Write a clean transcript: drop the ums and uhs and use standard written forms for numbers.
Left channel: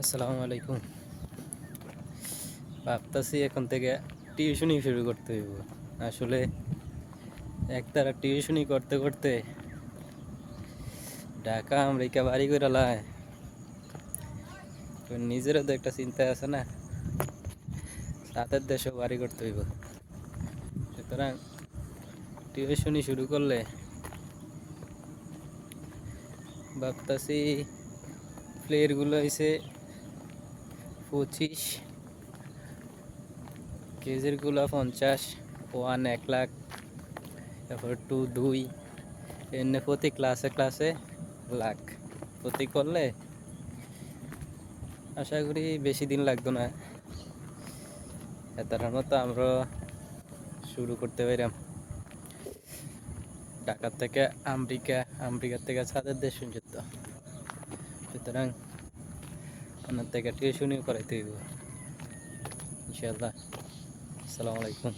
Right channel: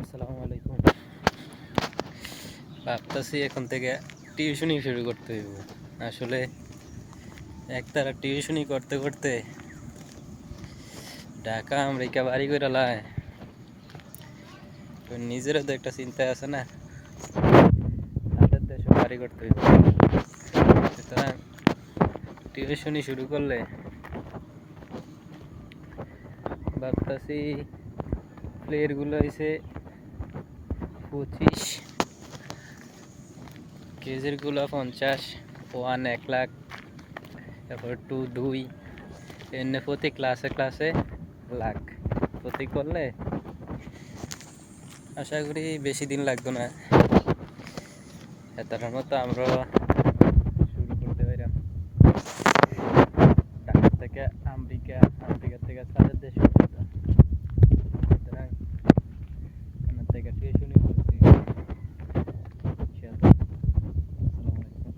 আসসালামু আলাইকুম। ভাবতেছি এখন থেকে টিউশনই শুরু করতে হইব। আসলে একতারা টিউশনই করতে করতে ঢাকা আমেরিকা বাড়ি করে লায়, তো নিজেরও তো একটা চিন্তা আছে না, তাদের দেশে বাড়ি করতে হইব। সুতরাং টিউশনই শুরু করলে ভাবতেছি প্লেয়ারগুলো হয়েছে 25, কেজিরগুলো 50, 1 লাখ, তারপর 2 এমনি প্রতি ক্লাসে ক্লাসে লাখ প্রতি করলে আশা করি বেশি দিন লাগতো না, তার মতো আমরা শুরু করতে পারলাম। ঢাকা থেকে আমেরিকা, আমেরিকা থেকে ছাদের দেশ পর্যন্ত। সুতরাং ওনার থেকে টিউশনি করাইতে হবে ইনশাআল্লাহ। আসসালামু আলাইকুম।